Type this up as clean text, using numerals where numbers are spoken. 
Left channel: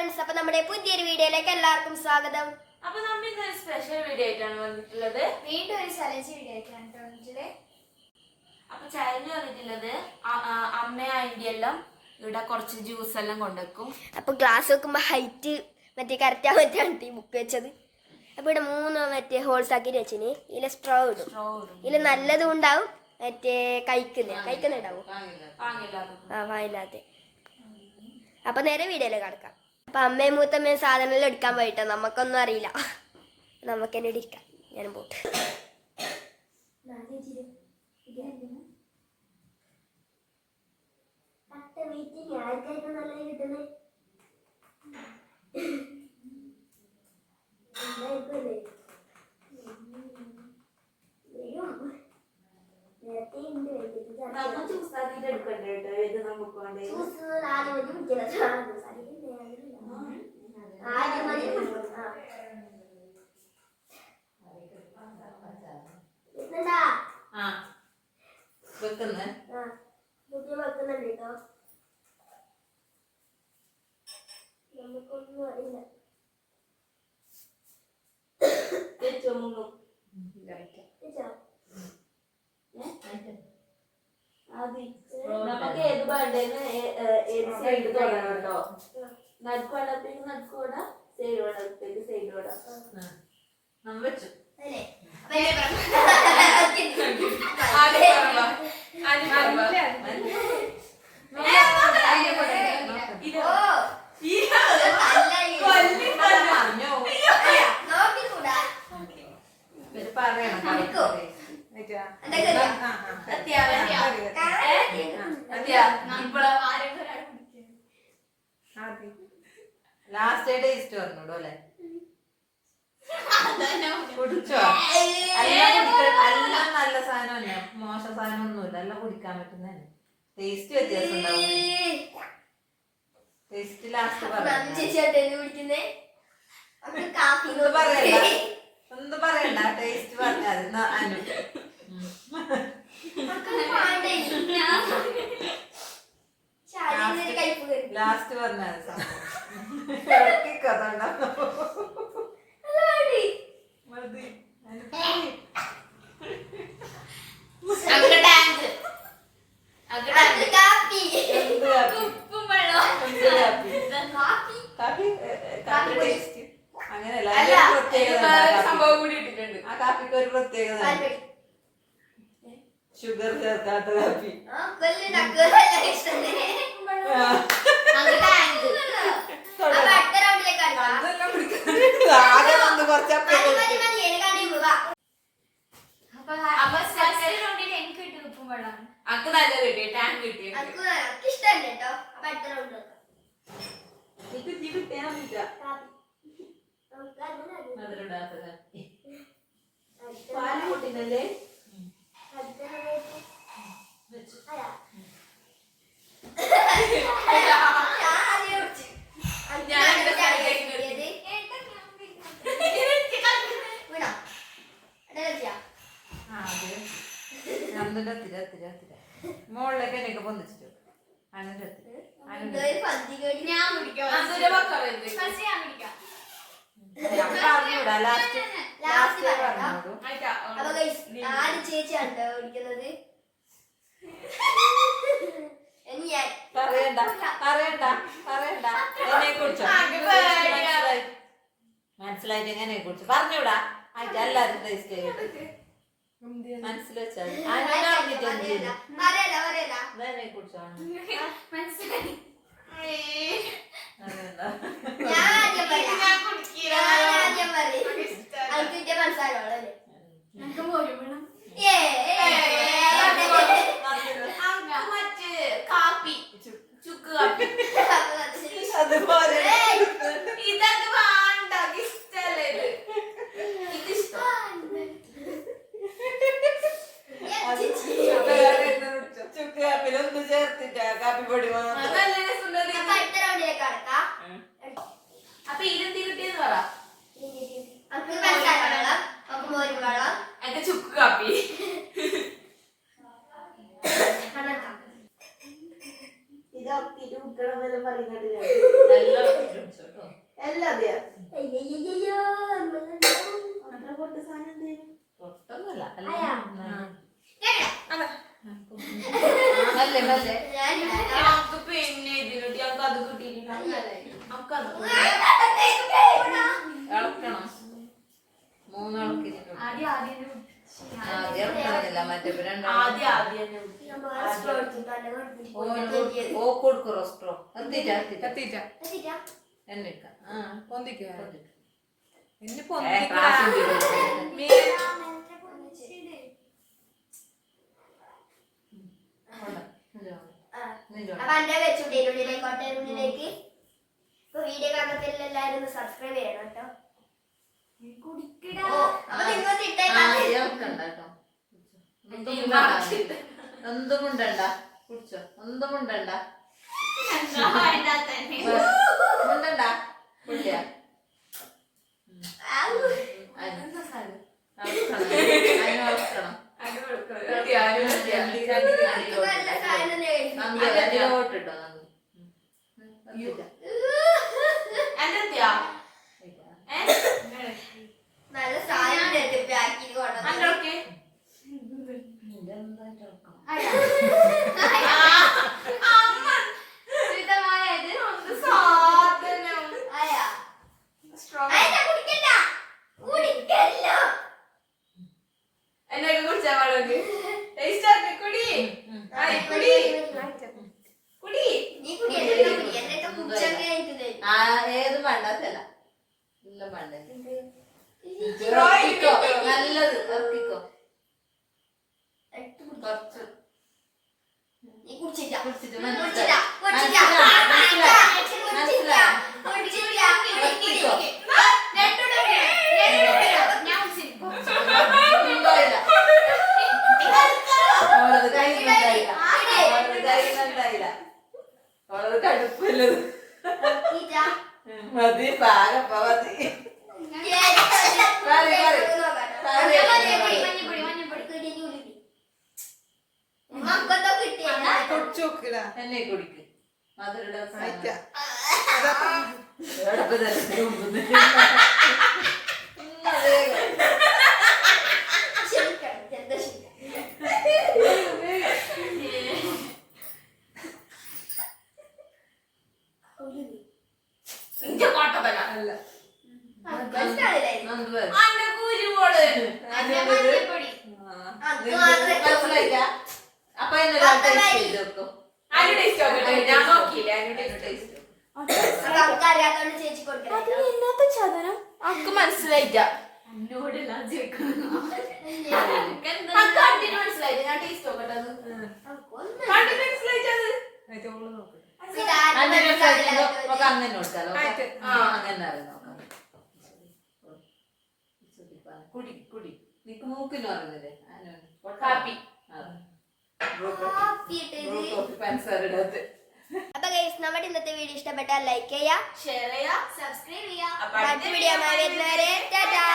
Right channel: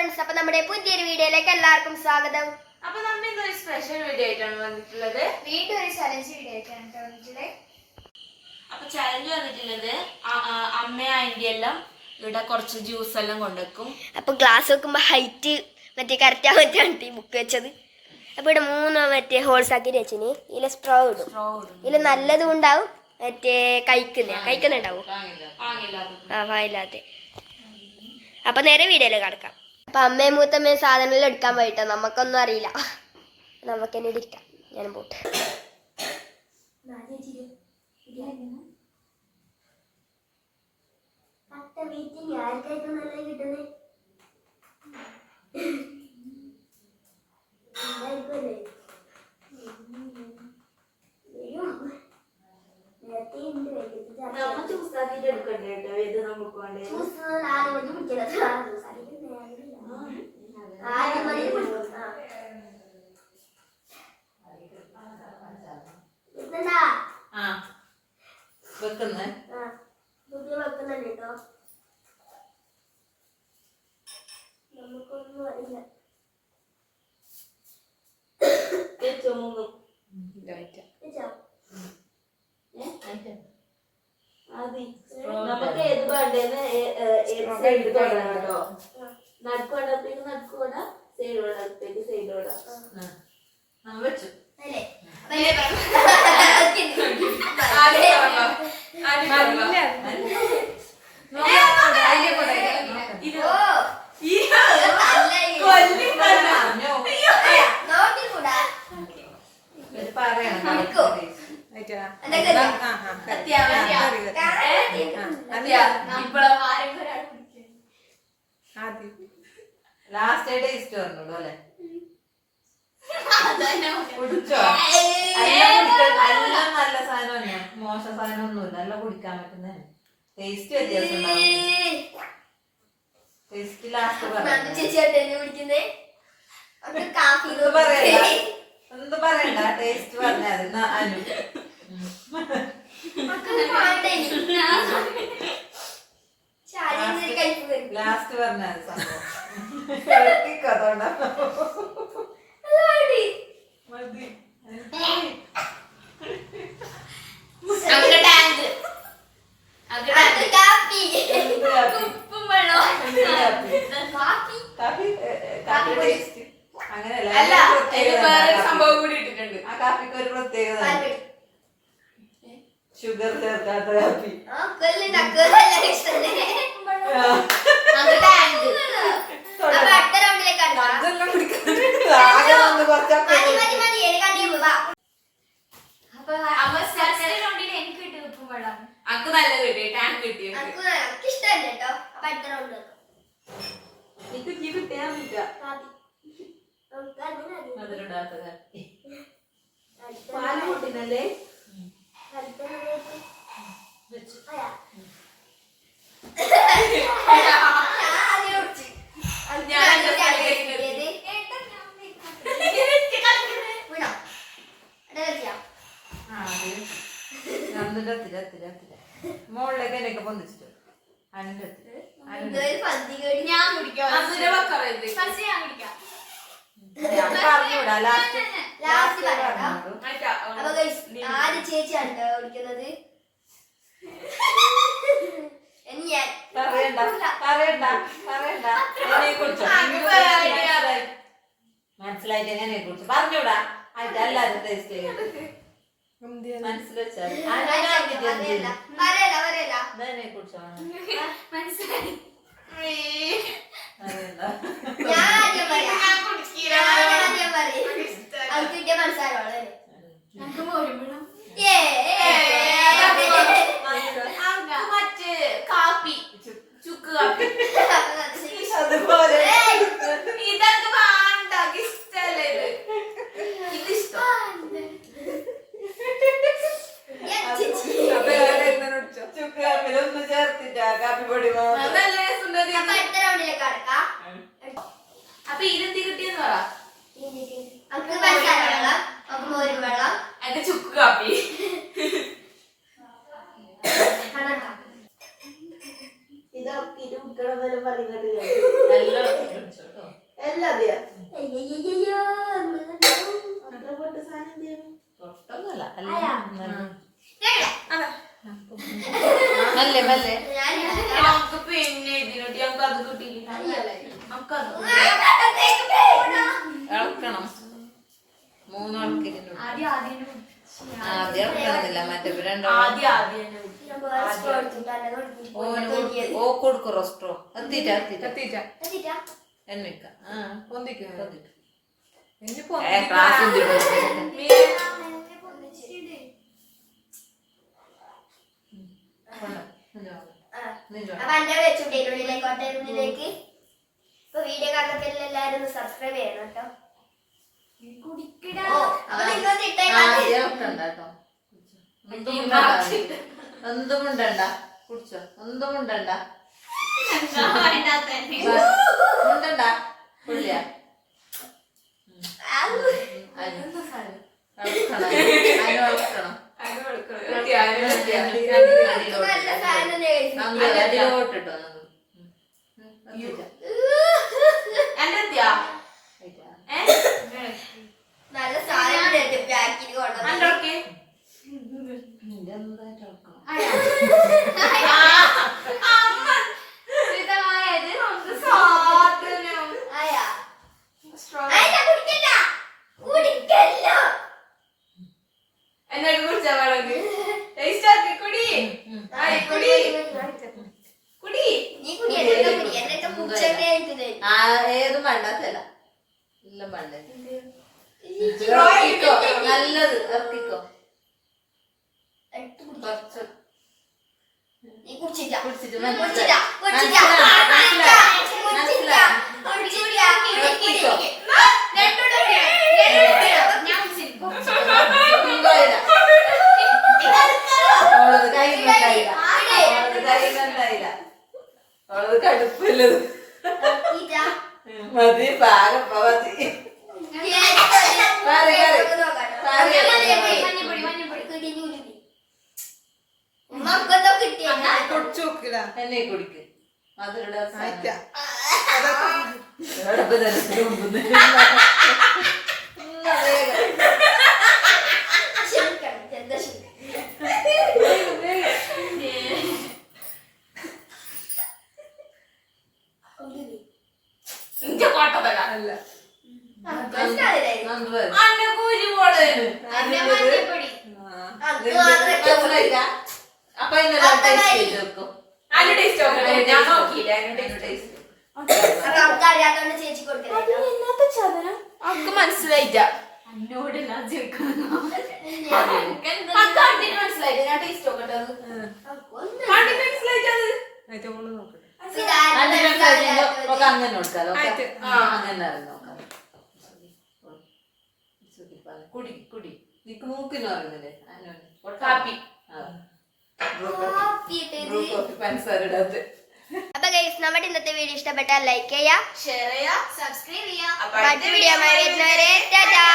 Friends, അപ്പോൾ നമ്മുടെ പുതിയൊരു വീഡിയോയിലേക്ക് എല്ലാവർക്കും സ്വാഗതം. അപ്പോൾ നമ്മൾ ഇന്നൊരു സ്പെഷ്യൽ വീഡിയോ ആയിട്ടാണ് വന്നിട്ടുള്ളത്. വീണ്ടും ഒരു ചലഞ്ച് വീഡിയോ ആയിട്ടാണ് വന്നിട്ടുള്ളത്. അപ്പോൾ ചലഞ്ച് വന്നിട്ടുള്ളത് അമ്മയും ആൻറ്റി എല്ലാം ഇവിടെ കുറച്ച് ജ്യൂസ് എല്ലാം കൊണ്ടുവെക്കും. അപ്പോൾ ഗ്ലാസ് വെക്കുമ്പോൾ ഹൈറ്റ് മറ്റേ കറക്റ്റ് ആവാൻ വേണ്ടിയിട്ടാണ് ഈ ബുക്ക് വെച്ചത്. അപ്പോൾ ഇവിടെ 3 മറ്റേ ഹോൾസ് ആക്കി വെച്ചിന്. ഇതിൽ സ്ട്രോ ഇടും. ഇതിൽ നല്ലതും ഉണ്ടാവും, മറ്റേ കഴിക്കുന്നുണ്ടാവും. ആ വായില്ലാത്ത. അപ്പം നേരെ വീഡിയോയിൽ കിടക്കാം. അപ്പം അമ്മയും മൂത്തമ്മയും സാധനമെല്ലാം എടുക്കാൻ പോയിട്ടോ, നമുക്കൊന്നും അറിയില്ല. നമുക്ക് തന്നെ ഇരിക്കാം. ഞാനും പോട്ടെ. വെക്കുന്നുണ്ടോ? നമുക്കൊന്നും അറിയില്ല. നമുക്ക് ഏത് വേണ്ടേന്ന് ഏത് സൈഡ് തുടങ്ങാം കേട്ടോ. നടുക്ക് വേണ്ടത്തേക്ക് നടുക്ക് വേണ്ട, സൈഡ് വേണ്ടത്തേക്ക് സൈഡ് വേണ്ട. വെച്ചു ലാസ്റ്റ് ടേസ്റ്റ് പറഞ്ഞോളൂ അല്ലേ? എല്ലാം നല്ല സാധനം തന്നെ, മോശം സാധനം ഒന്നുമില്ല, എല്ലാം കുടിക്കാൻ പറ്റുന്ന ടേസ്റ്റ് വ്യത്യാസം ഉണ്ടാവും. ടേസ്റ്റ് ലാസ്റ്റ് എന്ത് പറയണ്ട, ടേസ്റ്റ് പറഞ്ഞാൽ ലാസ്റ്റ് പറഞ്ഞാൽ സംഭവം കൂടി ഇട്ടിട്ടുണ്ട്. ആ കാപ്പിക്ക് ഒരു പ്രത്യേകത, ഷുഗർ ചേർക്കാത്ത കാപ്പി. അക്ക് നല്ല കിട്ടി, ടാങ്ക് കിട്ടി. കിട്ടിയാ മധുരണ്ടാത്ത കാപ്പി. പാല് കൂട്ടിനല്ലേ? മോളിലേക്ക് എനിക്ക് പൊന്നിച്ചിട്ട് അങ്ങനെ ചേച്ചിയാണ് ഓടിക്കുന്നത്. മനസ്സിലായിട്ട് എങ്ങനെ കുറിച്ച് പറഞ്ഞൂടാ, എല്ലാരും ടേസ്റ്റ് മറ്റേ കാപ്പി, ചുക്ക് കാപ്പി അതുപോലെ ഇതൊക്കെ വേണ്ട, ഇഷ്ടല്ലേ ഇത് ഇഷ്ടം. ചുക്ക് കാപ്പിലൊന്നും ചേർത്തിട്ടാ കാപ്പി പൊടി. അപ്പൊ ഇതെന്ത് കിട്ടിയെന്ന് പറ. ചുക്ക് കാപ്പി ഇതൊക്കെ കുട്ടികളെ പറയുന്നത് നല്ല എല്ലാം അതെയാ അയ്യയ്യയ്യോ, അത്ര പൊട്ട സാധനം എന്തെയ്യും? പൊട്ടൊന്നുമല്ല മെല്ലെ മെല്ലെ നമുക്ക് പിന്നെ ഇതിനോട്ട് ഞങ്ങൾക്ക് അത് കിട്ടിയില്ല ഇളക്കണം മൂന്നിളക്കില്ല ആദ്യം ഇളക്കുന്നില്ല മറ്റേ ഓ കൊടുക്കും റോസ്ട്രോ എത്തിട്ടാ എന്നിക്ക അപ്പൊ എന്റെ വെച്ചുള്ളിലേക്ക് കൊട്ടയുള്ളിലേക്ക് ഇപ്പൊ വീഡിയോ കാണുന്നപ്പോ എല്ലാരും സബ്സ്ക്രൈബ് ചെയ്യണം കേട്ടോ. അപ്പൊ നിങ്ങൾ എന്തും ഉണ്ടണ്ട കുടിച്ചോ എന്തും ഉണ്ടണ്ട ഉണ്ടണ്ട പുള്ളിയ അടിയോട്ടിട്ടോ നല്ല സാധനം പാക്കിന് കൊണ്ടുവന്നു. എന്നോട് കുടിച്ചാ പാടുണ്ട് കുടി കുടി നീ കുടി എന്നൊക്കെ കുടി എന്നൊക്കെ കുടിച്ചൊക്കെ ആയിട്ട് ഏതും വേണ്ടാത്തല്ല എല്ലാം വേണ്ട നല്ലത് ഇറക്കിക്കോ കുറച്ച് നീ കുടിച്ചില്ല കുടിച്ചിട്ട് കുടിച്ചില്ല കുടിച്ചില്ല കടുപ്പില്ലത് മതി പാകപ്പ മതി എന്നെ കുടിക്ക് മധുര അപ്പൊ ചേച്ചി കൊടുക്കണോ അവർക്ക് മനസ്സിലായിട്ടാ മനസ്സിലായില്ല ഞാൻ ടേസ്റ്റ് നോക്കട്ടെ അങ്ങനെ കൊടുത്താലോ അങ്ങനെ നോക്കാം കുടി കുടി നിക്ക് മൂക്കിന് പറയുന്നില്ലേ കാപ്പി പഞ്ചസാര ഇടാത്ത. അപ്പൊ ഗൈസ് നമ്മുടെ ഇന്നത്തെ വീഡിയോ ഇഷ്ടപ്പെട്ടാൽ ലൈക്ക് ചെയ്യാ, ഷെയർ ചെയ്യാ, സബ്സ്ക്രൈബ് ചെയ്യാ. മറ്റു വീഡിയോ വരുന്നവരെ ടാറ്റാ.